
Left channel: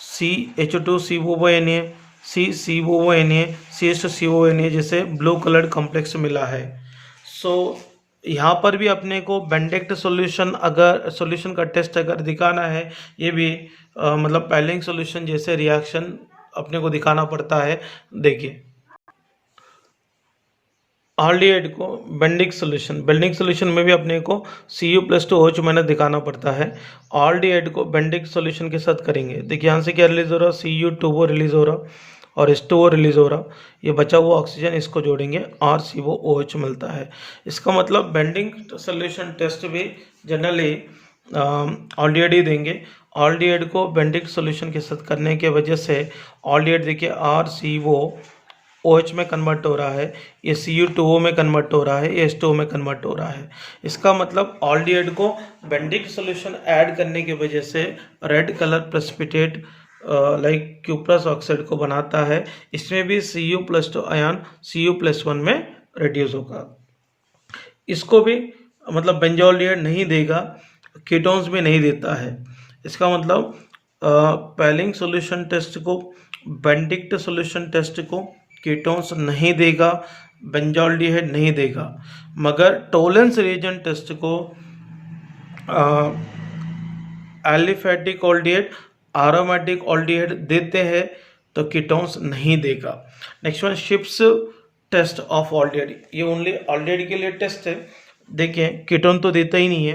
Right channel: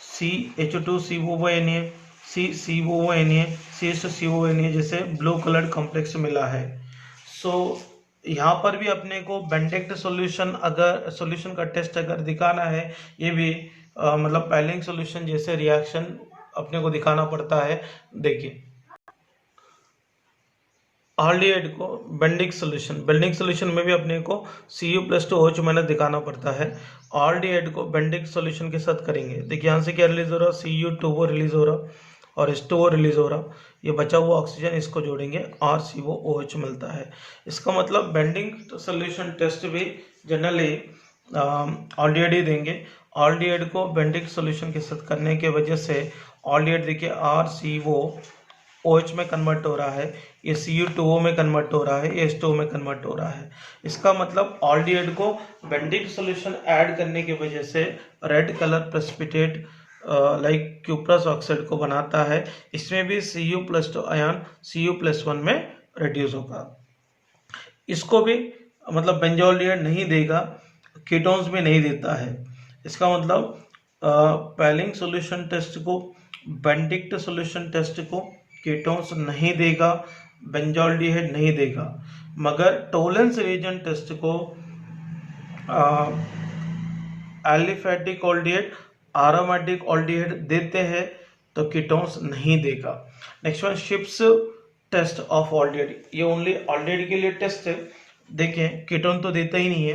CH2COO Na CCOO Na CH2COO Na जैसे ब्लू कलर्ड कॉम्प्लेक्स मिला है। सो यहाँ पर भी अपने को बेंडिक्ट सॉल्यूशन, अगर सॉल्यूशन का टेस्ट अगर दिखाना है, ये भी मतलब पैलिंग सॉल्यूशन जैसे रिएक्शन अपने को दिखाना पड़ता है। देखिए ऑल्डिहाइड को बेंडिक सॉल्यूशन में भी अपने को Cu+2OH माइनस दिखाना पड़ता है। ऑल्डिहाइड को बेंडिक सॉल्यूशन के साथ करेंगे। देखिए यहाँ से क्या रिलीज हो रहा है, Cu2O रिलीज हो रहा और H2O रिलीज हो रहा। ये बचा हुआ ऑक्सीजन इसको जोड़ेंगे और COOH मिलता है। इसका मतलब बेंडिंग सॉल्यूशन टेस्ट भी जनरली ऑल्डिहाइड ही देंगे। ऑल्डिहाइड को बेंडिक सॉल्यूशन के साथ करने के वजह से ऑल्डिहाइड देखिए RCOOH में कन्वर्ट हो रहा है, ये Cu2O में कन्वर्ट हो रहा है, ये H2O में कन्वर्ट हो रहा है। इसका मतलब ऑल्डिहाइड को बेंडिक सॉल्यूशन ऐड करने की वजह से red colour precipitate like cuprous oxide को बनाता है। इसमें भी Cu+2 आयन Cu+1 में रिड्यूस होगा। इसको भी मतलब बेंजोलिएट नहीं देगा, कीटोन्स भी नहीं देता है। इसका मतलब पैलिंग सॉल्यूशन टेस्ट को, बेंडिक्ट सॉल्यूशन टेस्ट को कीटोन्स नहीं देगा, बेंजोल्डिहाइड नहीं देगा, मगर टोलेंस रिएजेंट टेस्ट को एलिफेटिक ऑल्डिहाइड, एरोमेटिक ऑल्डिहाइड देते हैं तो कीटोन्स नहीं देगा। Next one Schiff's test of aldehyde, ये ओनली ऑल्डिहाइड के लिए टेस्ट है। देखिए कीटोन तो देता ही नहीं है,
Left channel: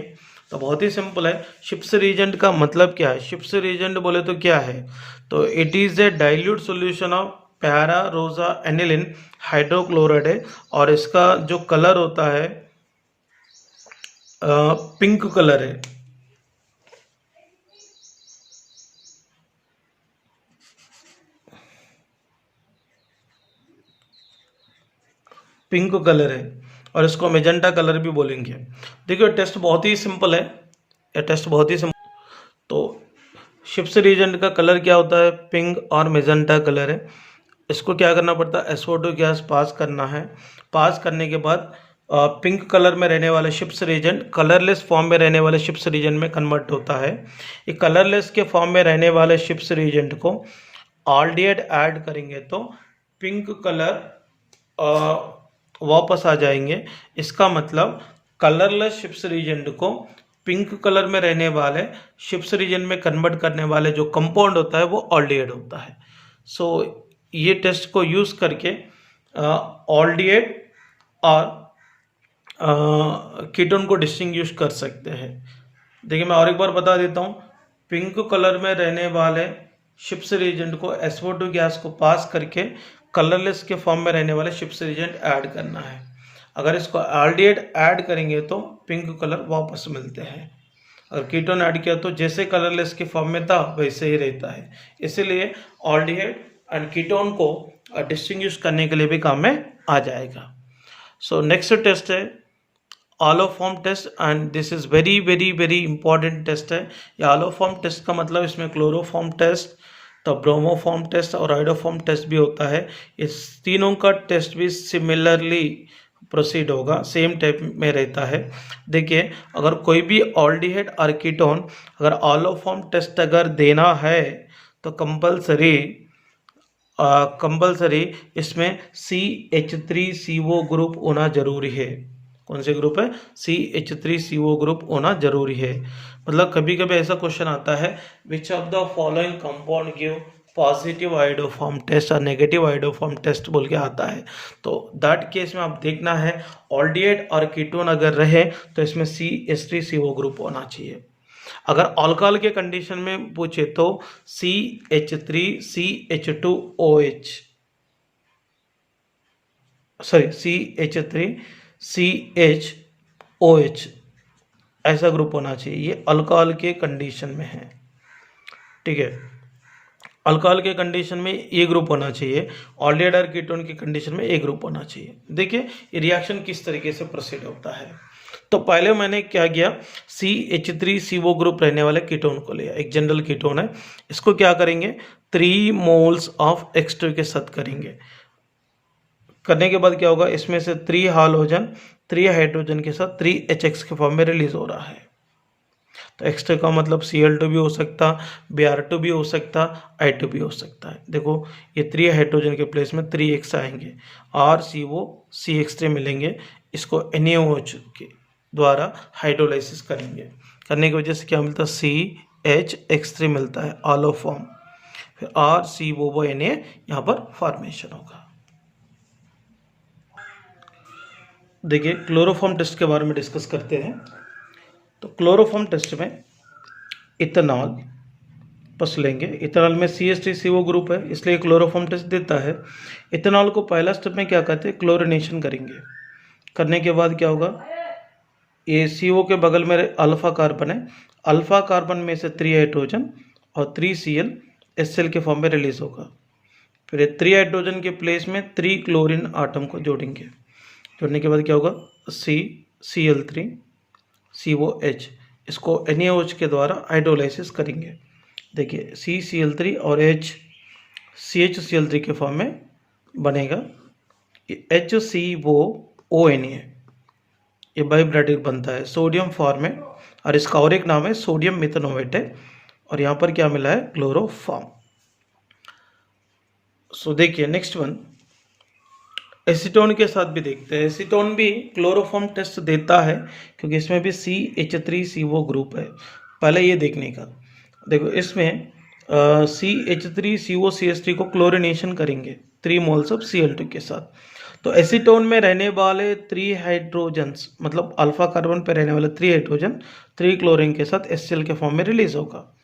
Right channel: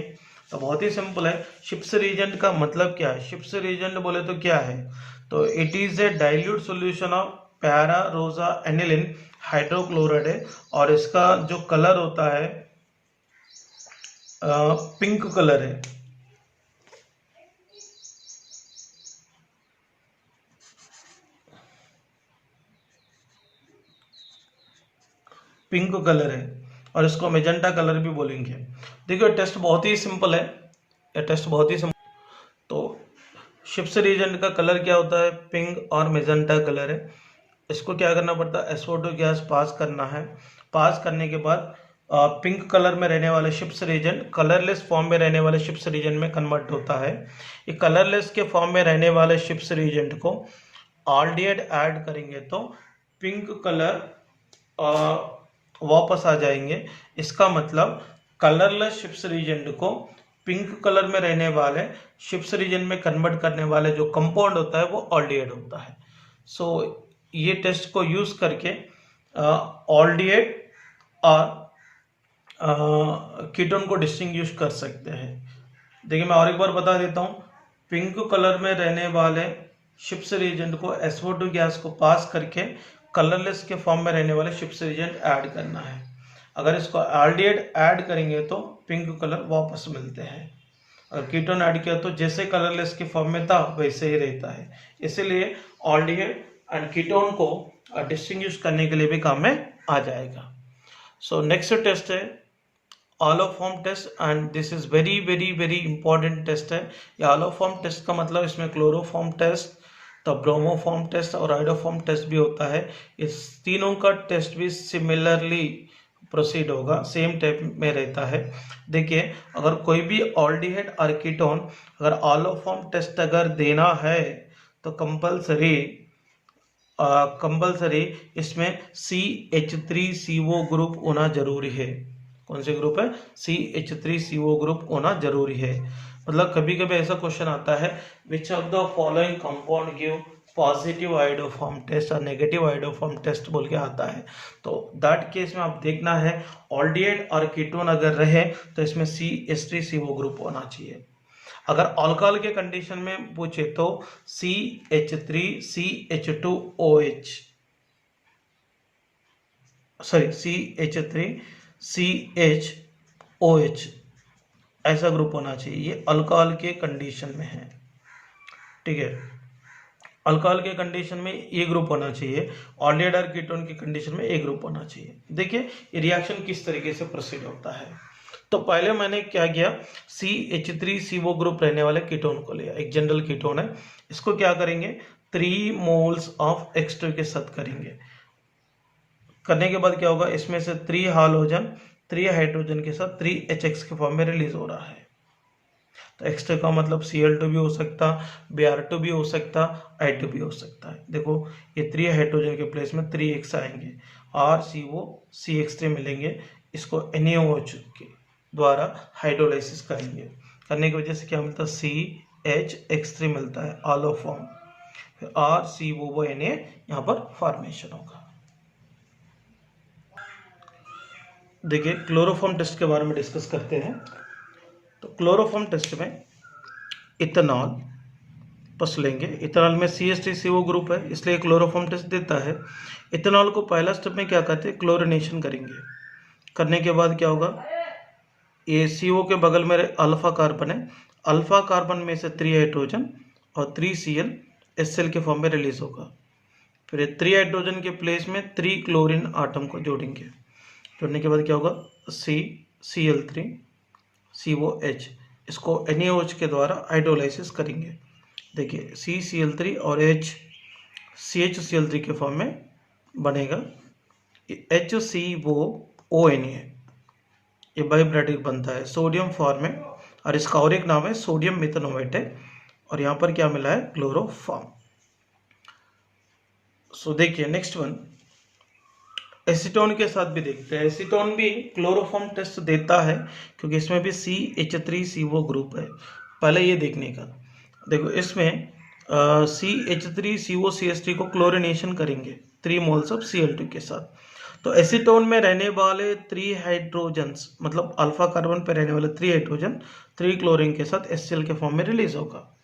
तो बहुत ही सिंपल है। शिप्स रिएजेंट का मतलब क्या है, शिप्स रिएजेंट बोले तो क्या है, तो it is a dilute solution of para रोजा एनिलिन हाइड्रोक्लोराइड है, और इसका जो कलर होता है पिंक कलर है। पिंक कलर है और इसको मेजेंटा कलर भी बोलेंगे। देखिए टेस्ट बहुत ही सिंपल है, ये टेस्ट बहुत ही सिंपल। तो शिप्स रिएजेंट का कलर क्या होता है, पिंक और मेजेंटा कलर है। इसको क्या करना पड़ता है, SO2 गैस पास करना है। पास करने के बाद पिंक कलर में रहने वाले शिप्स रिएजेंट कलरलेस फॉर्म में रहने वाले शिप्स रिएजेंट में कन्वर्ट होता है। ये कलरलेस के फॉर्म में रहने वाले शिप्स रिएजेंट को ऑल्डिहाइड ऐड करेंगे तो पिंक कलर वापस आ जाएंगे। इसका मतलब कलरलेस शिप्स रीजन को पिंक कलर में रहने वाले शिप्स रीजन में कन्वर्ट करने वाले जो कंपाउंड होता है वो ऑल्डिहाइड होता है। सो ये टेस्ट को यूज करके ऑल्डिहाइड और कीटोन को डिस्टिंग्विश कर सकते हैं। देखिए मैं और एक बार बता देता हूँ, पिंक कलर में रहने वाले शिप्स रीजेंट को SO2 गैस को पास करके कलरलेस के फॉर्म में रहने वाले शिप्स रीजेंट ऐड करना है। अगर इसको ऑल्डिहाइड ऐड करेंगे तो पिंक कलर वापस मिलते हैं, और कीटोन ऐड किया तो जैसे कलरलेस के फॉर्म में था वैसे ही रहता है। इसीलिए ऑल्डिहाइड एंड कीटोन को डिस्टिंग्विश करने के लिए भी काम में आ जाएगा। सो नेक्स्ट टेस्ट है haloform test, and this is very very very important test है। ये ऑलोफॉर्म टेस्ट का मतलब इसमें क्लोरोफॉर्म टेस्ट, तो ब्रोमोफॉर्म टेस्ट और आइडोफॉर्म टेस्ट भी होता है। इस तीनों का टेस्ट भी सिमिलरली प्रोसीड होगा, सेम टाइप में रहता है। देखिए अगर कोई भी ऑल्डिहाइड और कीटोन अगर ऑलोफॉर्म टेस्ट अगर देना है तो कंपल्सरी इसमें CH3CO ग्रुप होना जरूरी है। कौन से ग्रुप है, CH3CO ग्रुप होना जरूरी है। मतलब कभी कभी ऐसा क्वेश्चन आता है, which of the following compound give positive iodoform test और नेगेटिव आइडोफॉर्म टेस्ट बोल के आता है। तो दैट केस में आप देखना है ऑल्डिहाइड और कीटोन अगर रहे तो इसमें CH3CO ग्रुप होना चाहिए। अगर अल्कोहल के कंडीशन में पूछे तो CH3CH2OH, सॉरी CH3CHOH ऐसा ग्रुप होना चाहिए, ये अल्कोहल के कंडीशन में है, ठीक है। अल्कोहल के कंडीशन में ये ग्रुप होना चाहिए, ऑल्डिहाइड और कीटोन की कंडीशन में ए ग्रुप होना चाहिए। देखिए ये रिएक्शन किस तरीके से प्रोसीड होता है। तो पहले मैंने क्या किया, CH3CO ग्रुप रहने वाले कीटोन को लिया, एक जनरल कीटोन है, इसको क्या करेंगे 3 मोल्स ऑफ X2 के साथ करेंगे। करने के बाद क्या होगा, इसमें से 3 हाइड्रोजन 3 हाइड्रोजन के साथ 3HX के फॉर्म में रिलीज हो रहा है। तो एक्स्ट्रा का मतलब Cl2 भी हो सकता, Br2 भी हो सकता, I2 भी हो सकता है। देखो ये 3 हाइड्रोजन के प्लेस में 3x आएंगे, RCO CH3 मिलेंगे, इसको NaOH के द्वारा हाइड्रोलाइसिस करेंगे, करने की वजह से क्या मिलता है CHX3 मिलता है ऑलो फॉर्म, फिर RCOO Na यहाँ पर फॉर्मेशन होगा। देखिए क्लोरोफॉर्म टेस्ट के बारे में डिस्कस करते हैं। तो क्लोरोफॉर्म टेस्ट में इथेनॉल बस लेंगे, इथेनॉल में CH3CO ग्रुप है इसलिए क्लोरोफॉर्म टेस्ट देता है। इथेनॉल को पहला स्टेप में क्या कहते हैं, क्लोरिनेशन करेंगे। करने के बाद क्या होगा, ये CO के बगल में अल्फा कार्बन है, अल्फा कार्बन में से 3 हाइड्रोजन और 3Cl HCl के फॉर्म में रिलीज होगा। फिर 3 हाइड्रोजन के प्लेस में 3 क्लोरीन आटम को जोड़ेंगे, जोड़ने के बाद क्या होगा CCl3 COH, इसको NaOH के द्वारा हाइड्रोलाइसिस करेंगे। देखिए CCl3 और CHCl3 के फॉर्म में बनेगा HCOONA, ये बाइब्रेटिक बनता है सोडियम फॉर्म में, और इसका और एक नाम है सोडियम मिथेनोएट है, और यहाँ पर क्या मिला है क्लोरोफॉर्म। सो देखिए नेक्स्ट वन एसीटोन के साथ भी देखते हैं। एसीटोन भी क्लोरोफॉर्म टेस्ट देता है क्योंकि इसमें भी CH3CO ग्रुप है। पहले ये देखने का, देखो इसमें CH3COCH3 को क्लोरिनेशन करेंगे 3 मोल्स ऑफ Cl2 के साथ। तो एसीटोन में रहने वाले 3 हाइड्रोजन्स मतलब अल्फा कार्बन पे रहने वाले 3 हाइड्रोजन 3 क्लोरीन के साथ HCl के फॉर्म में रिलीज होगा।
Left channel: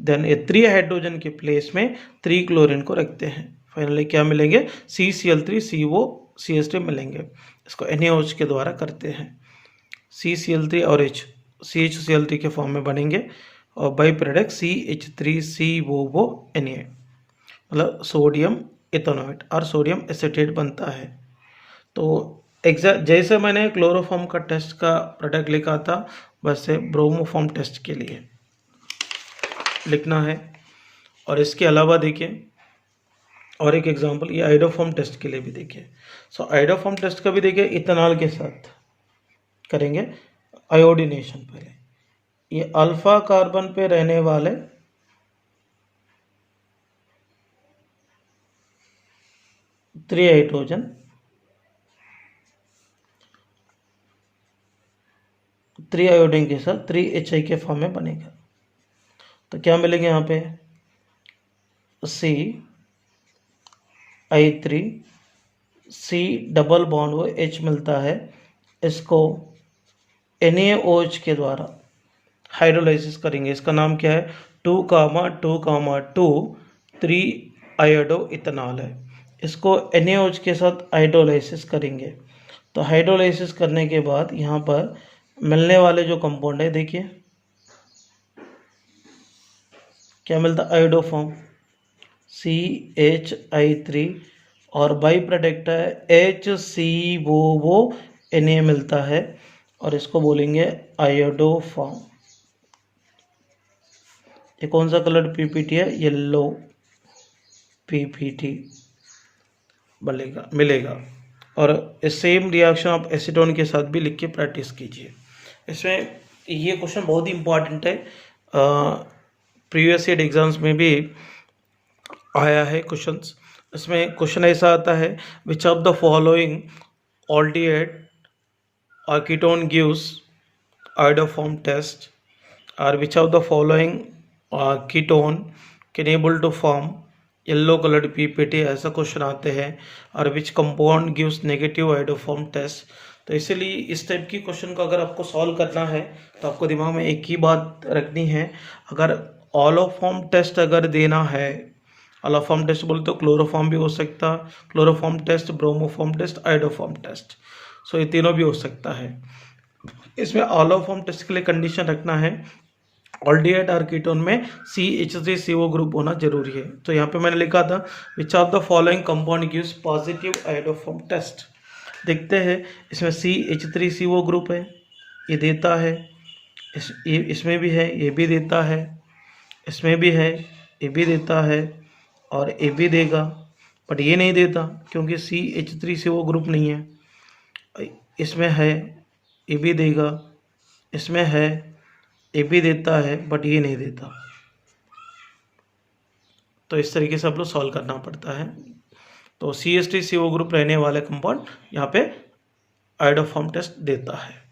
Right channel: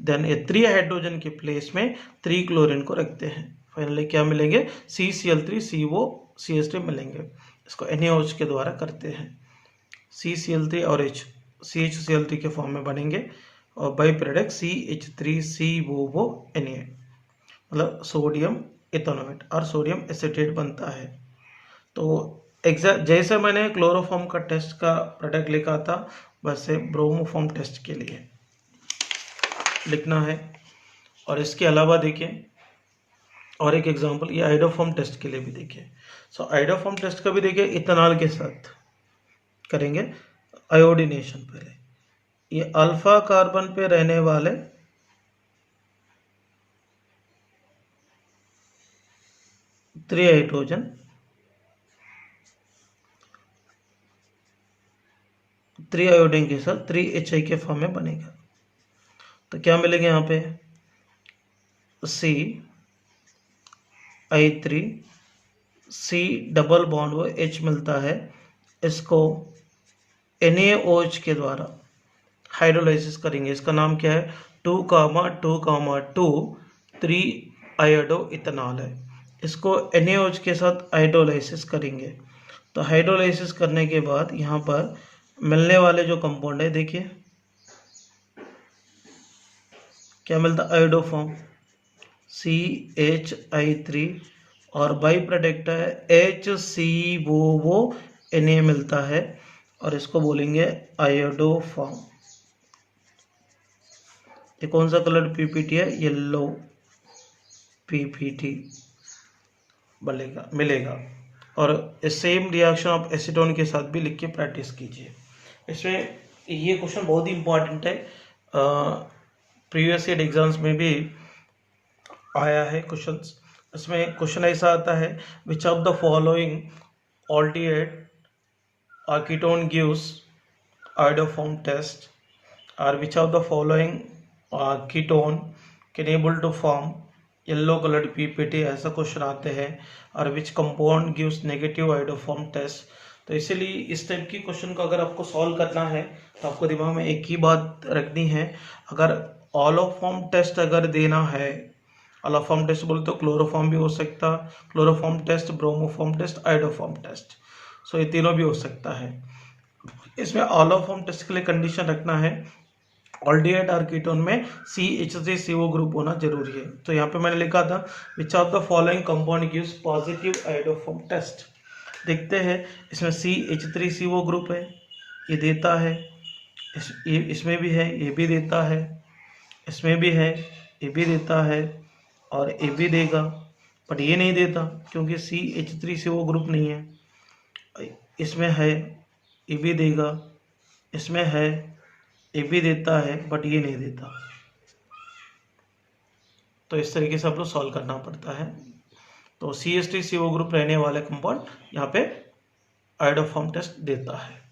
देन ये 3 हाइड्रोजन के प्लेस में 3 क्लोरीन को रखते हैं, फाइनली क्या मिलेंगे CCl3COCH3 मिलेंगे, इसको NaOH के द्वारा करते हैं। CCl3 और CHCl3 के फॉर्म में बनेंगे और बाई प्रोडक्ट CH3COONA मतलब सोडियम इथेनोएट और सोडियम एसीटेट बनता है। तो जैसे मैंने क्लोरोफॉर्म का टेस्ट का प्रोडक्ट लिखा था वैसे ब्रोमोफॉर्म टेस्ट के लिए लिखना है। और इसके अलावा देखिए और एक एग्जांपल, ये आइडोफॉर्म टेस्ट के लिए भी देखिए। सो आइडोफॉर्म टेस्ट का भी देखिए इथेनॉल के साथ करेंगे आयोडीनेशन। पहले ये अल्फा कार्बन पे रहने वाले 3 हाइड्रोजन 3 आयोडीन के साथ 3HI के फॉर्म में बनेगा। तो क्या मिलेगा यहाँ पे CI3 C डबल बॉन्ड वो H मिलता है, इसको NaOH के द्वारा हाइड्रोलाइसिस करेंगे। इसका नाम क्या है 2,2,2 3 आयोडो इथेनॉल है, इसको NaOH के साथ हाइड्रोलाइसिस करेंगे। तो हाइड्रोलाइसिस करने के बाद यहाँ पर मिलने वाले जो कंपाउंड है देखिए क्या मिलता है आयोडोफॉर्म CHI3 और बाई प्रोडक्ट है HCOONA मिलता है और इसको बोलेंगे आयोडोफॉर्म। ये कौन सा कलर PPT है, येलो PPT मिलेगा। और सेम रिएक्शन आप एसीटोन के साथ भी लिख के प्रैक्टिस कीजिए। इसमें ये क्वेश्चन बहुत ही इंपॉर्टेंट है, प्रीवियस ईयर एग्जाम्स में भी आया है क्वेश्चंस। इसमें क्वेश्चन ऐसा आता है which of the following aldehyde और कीटोन गिव्स आयोडोफॉर्म टेस्ट, और which of the following ketone can able to form yellow coloured PPT, ऐसा क्वेश्चन आते हैं। और which compound gives negative iodoform test. तो इसीलिए इस टाइप की क्वेश्चन को अगर आपको सॉल्व करना है तो आपको दिमाग में एक ही बात रखनी है, अगर ऑलोफॉर्म टेस्ट अगर देना है, ऑलोफॉर्म टेस्ट बोलते तो क्लोरोफॉर्म भी हो सकता, chloroform test, bromoform test, iodoform test, so ये तीनों भी हो सकता है। इसमें ऑल ऑफ फॉर्म टेस्ट के लिए कंडीशन रखना है ऑल्डिहाइड और कीटोन में CH3CO ग्रुप होना जरूरी है। तो यहाँ पे मैंने लिखा था which of the following compound gives positive iodoform test. देखते हैं, इसमें CH3CO ग्रुप है, ये देता है, इसमें भी है, ये भी देता है, इसमें भी है, ये भी देता है, और ये भी देगा, बट ये नहीं देता क्योंकि CH3CO ग्रुप नहीं है। इसमें है, ये भी देगा, इसमें है, ये भी देता है, बट ये नहीं देता। तो इस तरीके से आप लोग सॉल्व करना पड़ता है। तो CH3CO ग्रुप रहने वाले कंपाउंड यहाँ पे आयोडोफॉर्म टेस्ट देता है।